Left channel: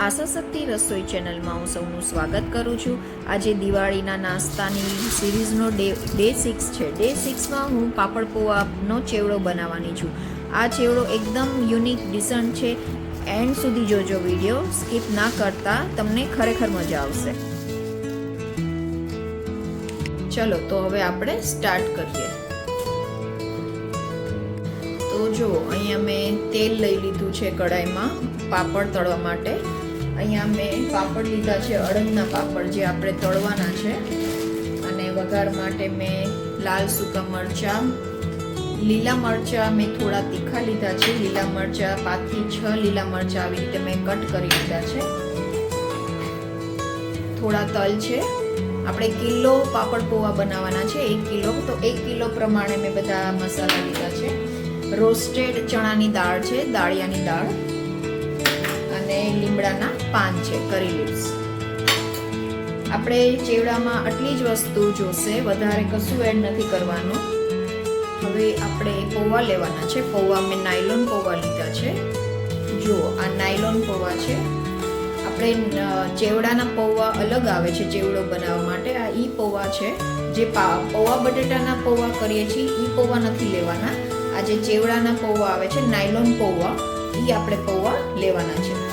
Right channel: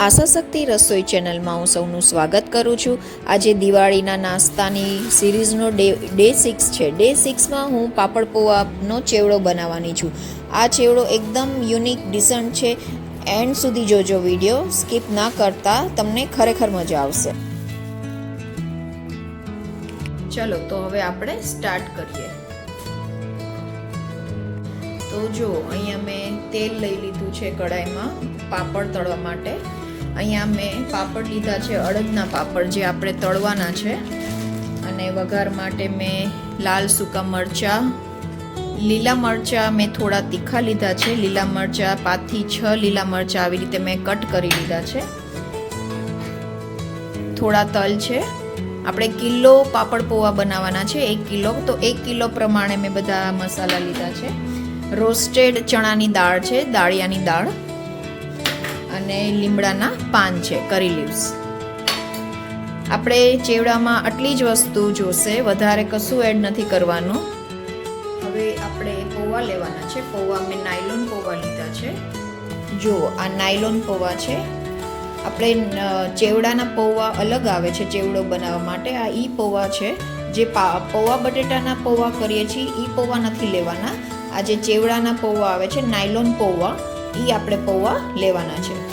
આશા શક્તિ રસોઈ ચેનલમાં હું સૌનું સ્વાગત કરું છું. આજે દિવાળીના નાસ્તાની સિરીઝનો ડે ડે સિક્સ છે. ડે સિક્સમાં હું પાપડ પૌવાનો ચેવડો બનાવવાની છું. આ ચેવડો એકદમ યુનિક, ડિસન્ટ છે. એન્ડ સુધી જોજો વીડિયો. સ્કીપ ના કરતા, તમને ખરેખર મજા આવશે. ચલો, તો હવે આપણે સ્ટાર્ટ કરીએ. તો જો, અહીંયા મેં તેલ લઈ લીધું છે કડાઈમાં પાપડ તળવા માટે. અહીંયા મેં પાપડ લીધા છે, અડદના પાપડ જે આપણે તળવાના છે. અને વઘાર માટે મેં લાલ સૂકા મરચાં, લીલા મરચાં મેં થોડા તીખા લીધા છે. લીલા મરચાં પાંચથી છ લીલા મરચાં આવી રીતે મેં કટ કરી લીધા છે. થોડા તલ છે. આપણે કિલો પાપડ પૌવા બનાવવાના છે, એક કિલો. તો એક કિલો પ્રમાણે મેં બધા મસાલા લીધા છે. રોસ્ટેડ ચણાની દાળ છે, દાળિયાની દાળ. અને લીમડાના પાન છે કરી લીવ્સ આપણે ચેવડામાં આટલી જ વસ્તુ જોશે, વધારે કશું એડ નથી કરવાનું. હવે આપણે પૌવા લેવાના છે. પૌવા મેં નાયલોન પૌવા લીધા છે. જુઓ, આ નાયલોન પૌવા છે. આપણે ચેવડાના પૌવા અલગ આવે છે, ચેવડો બનાવવા માટે. આ ઈ પૌવા છે. જે પૌવા બટેટાના પૌવા કરીએ છીએ, ઈ પૌવા નથી લેવાના. આ જે ચેવડાના પૌવા આવે છે, નાયલોન પૌવા એ આપણે પૌવા લેવાના છે.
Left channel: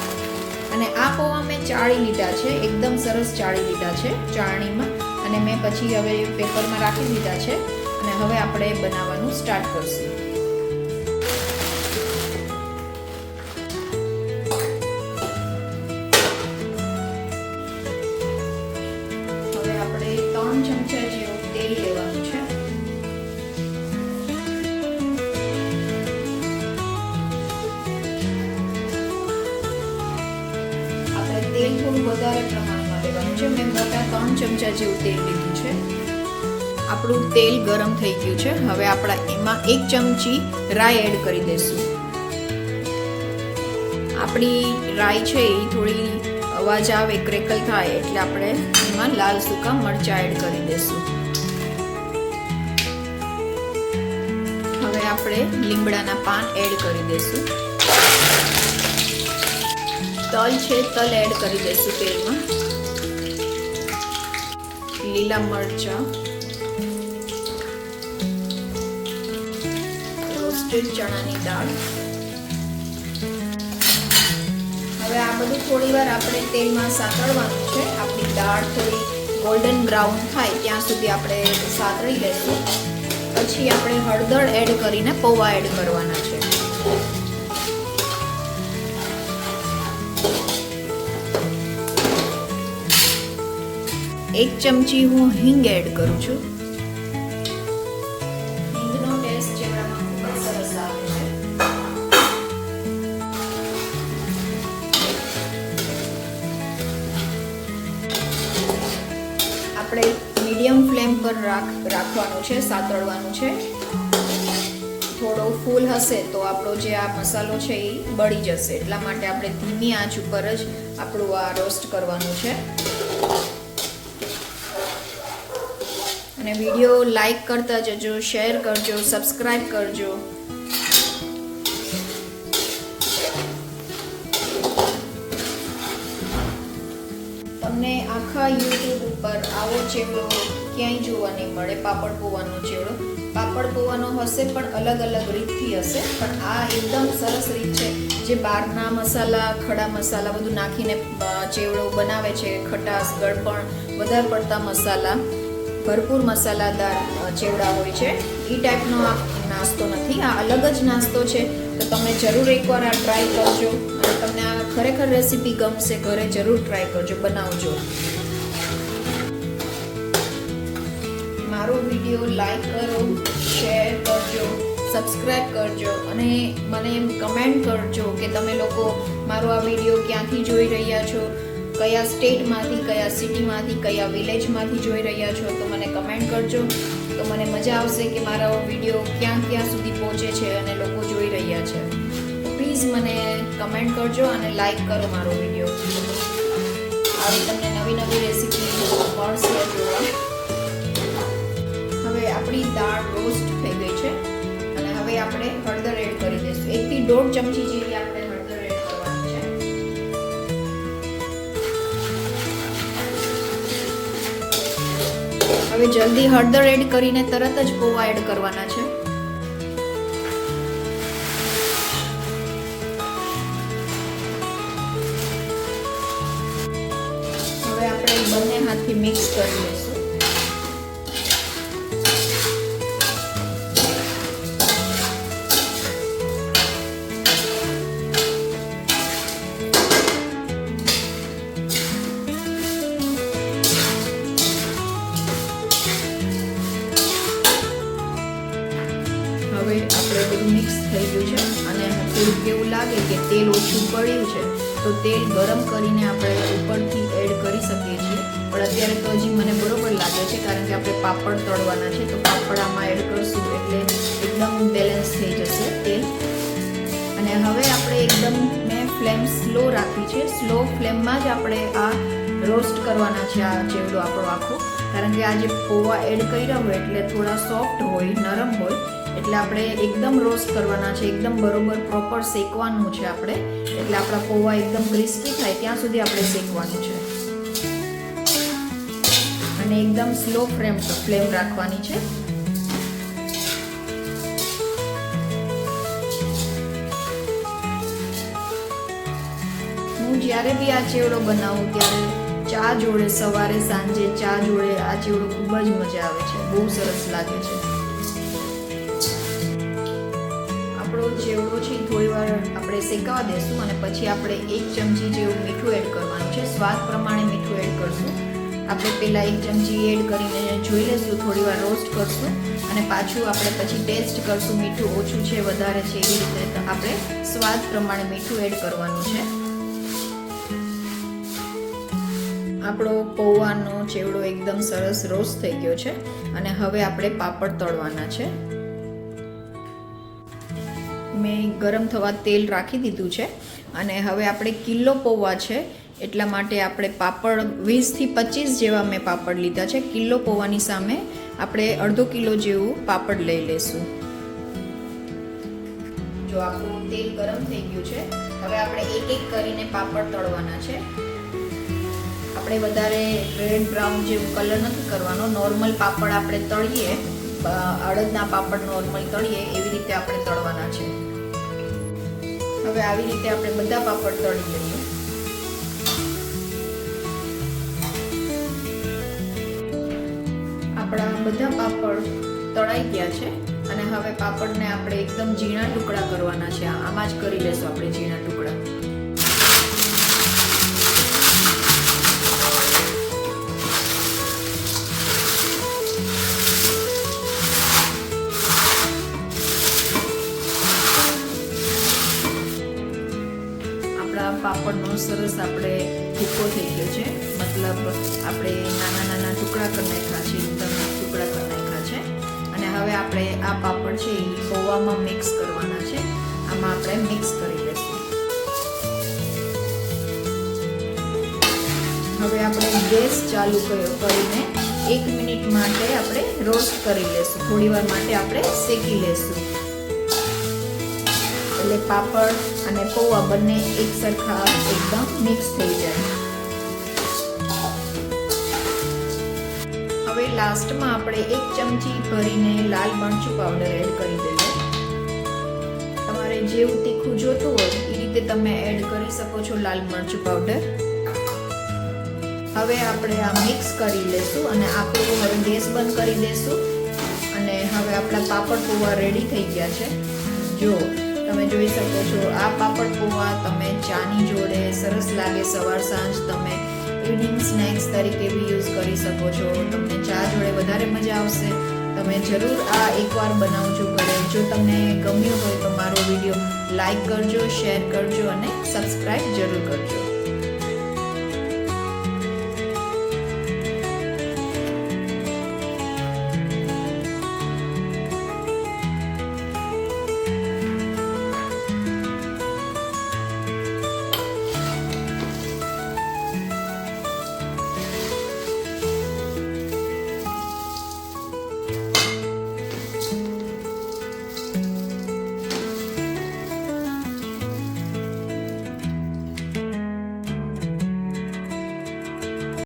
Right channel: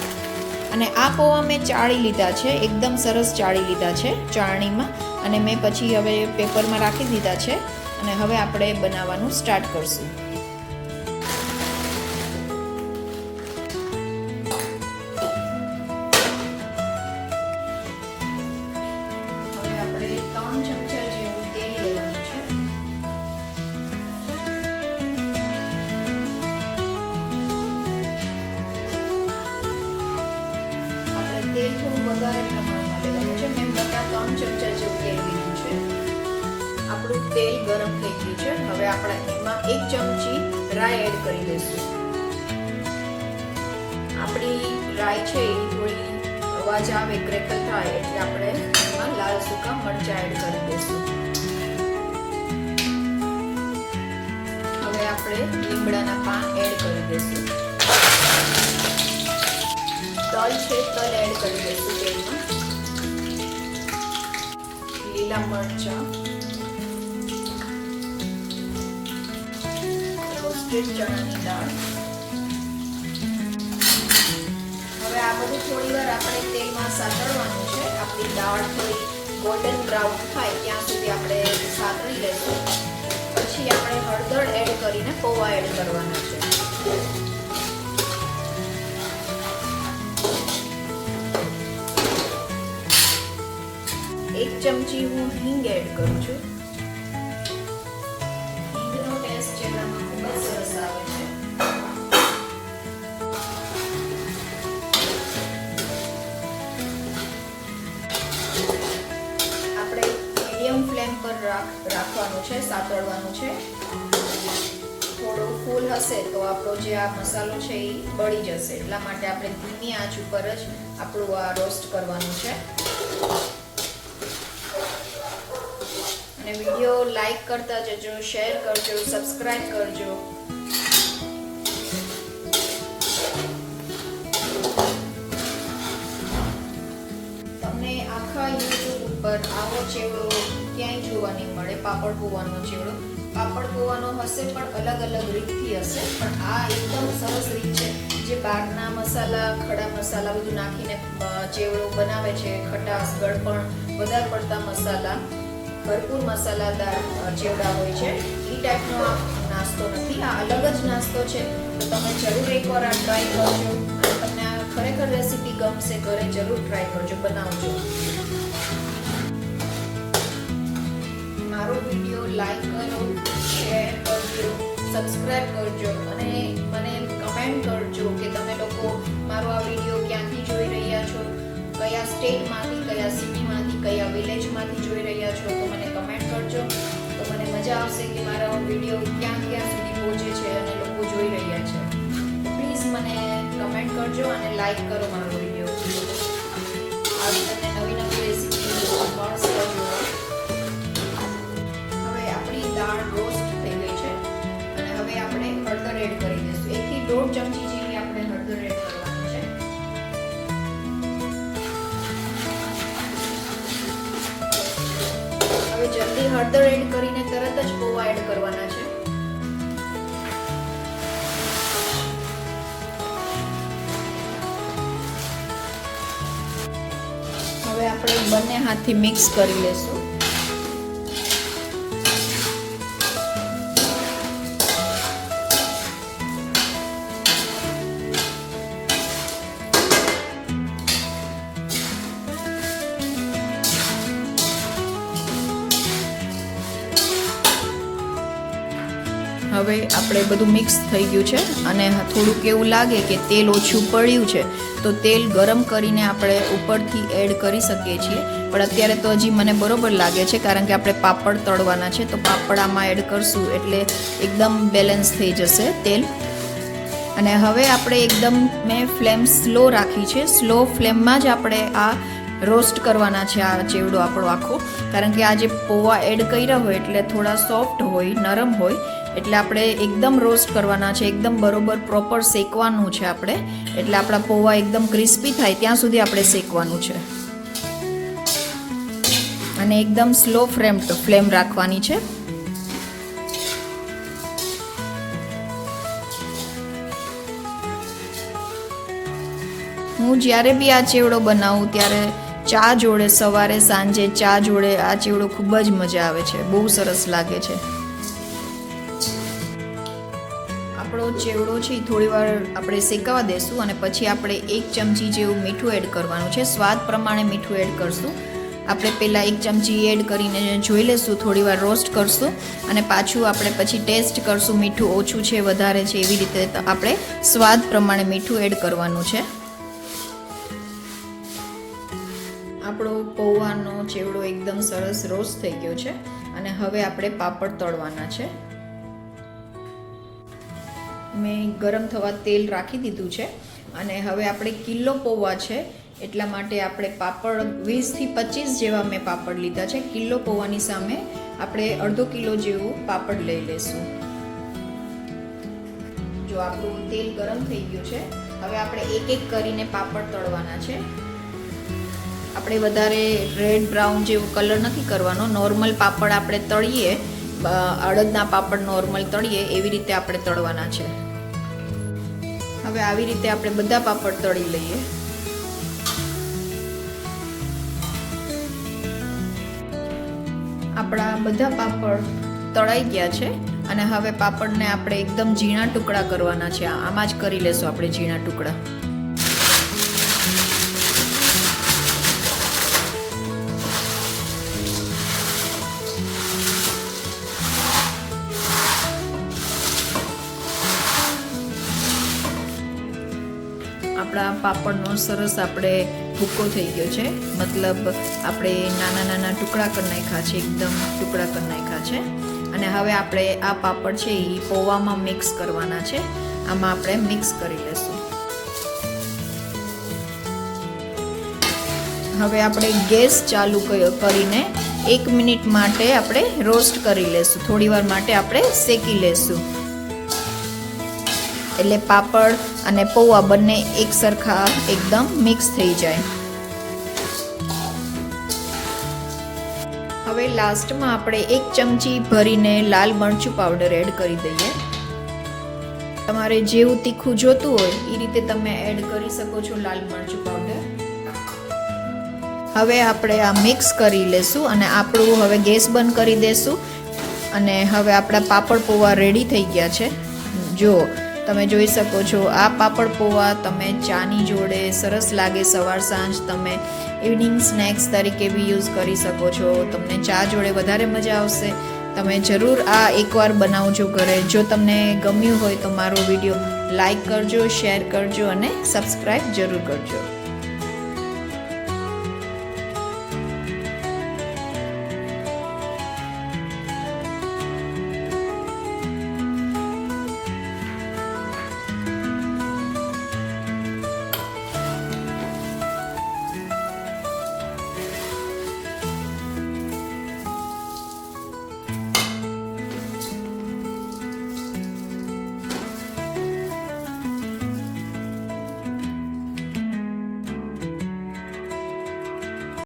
અને આ પૌવા મેં ચાળી લીધા છે, એકદમ સરસ ચાળી લીધા છે ચાળણીમાં અને મેં પછી હવે પેપરમાં રાખી દીધા છે અને હવે આપણે બનાવવાનું સ્ટાર્ટ કરશું. વધારે મેં મોટા ત્રણ ચમચા જેવું તેલ લીધું છે આપણું તેલ ગરમ થઈ ગયું છે. હવે આપણા એમાં એક ચમચી રાઈ એડ કરી દઈશું. આપણી રાઈ છે એ થોડી અવાજ આવે, ક્રેકલ થાય એટલે આપણે એમાં લાલ સૂકા મરચા એડ કરી દઈશું. હવે આપણે લીમડાના પાન એડ કરી દઈશું. તલ છે, તલ એડ કરી દઈશું તેલમાં લીલા મરચા. રોસ્ટેડ ચણાની દાળ. હવે આ બધું થોડી વાર આપણે તેલમાં સાતળવાનું છે. આપણી દાળ થોડી ગોલ્ડન બ્રાઉન થાય ત્યાં સુધી આપણે સાતળી લઈશું પછી આપણે હળદર એડ કરીને પૌવા એડ કરવાના છે. એક ચમચી હું હિંગ એડ કરું છું. હિંગનો ટેસ્ટ ચહેરામાં ખૂબ જ સરસ આવે છે. આપણે મીડિયમ ફ્લેમ પર રાખવાનું છે સાતળવાનું છે. થોડો ફૂલ હશે તો આપણો જે આ મસાલો છે એ બળી જશે. એટલા માટે આપણે ધીમી આંચ ઉપર જ આપણું આ રોસ્ટ કરવાનું છે. અને વીડિયો લાઈક કરતા જજો શેર કરજો સબસ્ક્રાઈબ કરજો. તમને આખા યુટ્યુબ ઉપર આવો ચેવડો ક્યાંય જોવા નહીં મળે? પાપડ પૌવાનો ચેવડો પાપડ પૌવાનો હશે પણ અલગ અલગ રીતથી હશે, પણ આ એકદમ સરસ રીત છે. જે બહારના મસાલા, ખડા મસાલા બધું નાખીને ચેવડો બનાવે છે, ખટાશ, ગળપણ વધારે પડતા મસાલા, ભરપૂર મસાલાદાર ચેવડા હોય છે. એ ટાઈપનો આ નાસ્તો નથી. આ અલગ જ નાસ્તો છે. તો તમે જરૂર એકવાર આ ટ્રાય કરજો. અને તમને આ ખરેખર રેસીપી ગમશે, ઘરે જરૂર ટ્રાય કરજો, બનાવજો. મારો વીડિયો લાઈક કરો, શેર કરજો સબસ્ક્રાઇબ કરજો અને મને એમ કમેન્ટ કરજો કે તમે લોકો મારો આ વીડિયો ક્યાંથી જોઈ રહ્યા છો? કયા સ્ટેટમાંથી કયા સિટીમાંથી કયા વિલેજમાંથી જોઈ રહ્યા છો? તો મને કમેન્ટ કરજો. તો મને મજા આવશે કે મારો વીડિયો ક્યાં ક્યાં સુધી પહોંચે છે અને લોકો જોઈ રહ્યા છે. પ્લીઝ મને કમેન્ટ કરજો અને લાઈક કરો મારો વીડિયો આવી તમને નવી નવી રેસીપી મળશે હવે આપણી દાળ દોઢ ચમચી જેવી આપણે હળદર એડ કરવાની છે. હવે જલ્દી હળદર એડ કરીને તરત જ પોવા એડ કરવાના છે. હવે આપણે બંને હાથથી મિક્સ કરી લઈશું. હવે આપણે બધું મિક્સ થઈ ગયું છે અને થોડુંક એવું લાગે કે તેલ ઓછું પડ્યું છે, તો તેલ ગરમ કરીને આપણે ઉપરથી એડ કરી શકીએ છીએ. પણ અત્યારે તો હજી મને બરોબર લાગે છે કારણ કે આપણે પાપડ તળવાના છે, તો પાપડ આમાં એડ કરશું એટલે એકદમ બેલેન્સ થઈ જશે તેલ. અને હવે આપણે એકદમ મેં ફ્લેમ સ્લો રાખી છે. સ્લો ફ્લેમમાં જ આપણે આ રોસ્ટ કરવાના છે, આ ચેવડો આપણો આખો. કારણ કે આ જે પૌવા એડ કર્યા હોય એટલે થોડા સોફ્ટ હોય, નરમ હોય એટલે આપણે એકદમ રોસ્ટ કરવાના છે, એકદમ બરોબર પ્રોપર શેકવાનું છે આપણે. એટલે આપણા પૌવા એકદમ ક્રિસ્પી થાય, ત્યાં સુધી આપણે શેકવાનું છે. અને એકદમ સ્લો ફ્લેમ ફ્લેમ રાખવાની છે. હું જ્યારે બી આ ચેવડો બનાવું, ત્યારે ચા જોડે, સવારે સાંજે ચા જોડે આ ચેવડો ખૂબ જ મજા આવે છે, બહુ સરસ લાગે છે. ચેવડો છે થોડી વાર આપણે શેકાવા દેશું અને પછી આપણે એક ચમચી જેવું મીઠું એડ કરવાનું છે. સ્વાદ પ્રમાણે મીઠું એડ કરશું. આપણે પહેલાં એક ચમચી એડ કરીને જોઈ લેશું, થોડી વાર રોસ્ટ કરશું અને પાછું આપણે પછી ટેસ્ટ કરશું, મીઠું ઓછું છે, વધારે છે, એવી રીતે આપણે સ્વાદ પ્રમાણે મીઠું એડ કરવાનું છે. આપણો પૌવાનો ચેવડો એકદમ સરસ રોસ્ટ થઈ ગયો છે અને હવે આપણે પાપડ તળવાના છે. મેં ગરમ થવા તેલ રાખી દીધું છે અને હવે આપણે કિલો પૌવા છે, એટલા માટે આપણે પાપડ વીસથી પચીસ જેવા મેં પાપડ લીધા છે. કિલો પૌવાની સામે આપણે અડધો કિલો જેવું પાપડ લઈ લઈશું. જો આપણું તેલ ગરમ થઈ ગયું છે, હવે આપણે એક એક કરીને પાપડ તળવાના છે. આપણે વધારે રેડ બ્રાઉન જેવું કલર નથી કરવાનો. નોર્મલ પાપડ આપણે તળીએ અડદના પાપડ નોર્મલ તળીએ, એવી રીતે આપણે તળવાના છે. હવે આવી રીતે આપણે બધા પાપડ તળી લઈએ. આપણા બધા પાપડ તળાઈ ગયા છે અને હવે પાપડને આપણે એકદમ ઝીણા ટુકડા કરવાના છે. આમાં જ કરી લેશું આપણે ઝીણા ટુકડા. આપણા પાપડનો સરસ આપણે ભૂકો થઈ ગયો છે. મતલબ આપણે નાના નાના ટુકડા કરી નાખ્યા છે, એકદમ ટુકડા કરી નાખ્યા છે. અને હવે આપણે આ પાપડ છે એ પૌવામાં મિક્સ કરવાના છે. આમાં આપણે મિક્સ કરી લઈશું હવે આપણે ગેસ ચાલુ કરીને એક મિનિટ માટે આપણે રોસ્ટ કરી લેશું. થોડી વાર માટે આપણે શેકી લેશું. એટલે પાપડ અને પૌવા બંને એક સરખા એકદમ મિક્સ થઈ જાય. હવે લાસ્ટમાં આપણે એક ચમચી ભરીને લાલ મરચું પાવડર એડ કરી દઈએ. તમારે જેવું તીખું જોતું હોય એ રીતે તમે એડ કરી શકો છો લાલ મરચું પાવડર હવે આપણે આ મિક્સ કરી લેશું અને આપણું હવે ગેસ બંધ કરી દેશું. અને હવે આપણા પાપડ પૌવા રેડી થઈ ગયા છે. જો તમે જોઈ શકો છો, આ પાપડ પૌવા તમે ચાની જોડે સરસ લાગે સવાર સાંજ તમે ઇવનિંગ સ્નેક્સ તરીકે બી યુઝ કરી શકો છો. તમને ચા જોડે વધારે મજા આવશે. તમે જરૂર આ એકવાર બનાવજો ઘરે. જો તમને ગમ્યું હોય તો મારો વીડિયો લાઈક કરજો શેર કરજો અને સબસ્ક્રાઈબ જરૂર કરજો.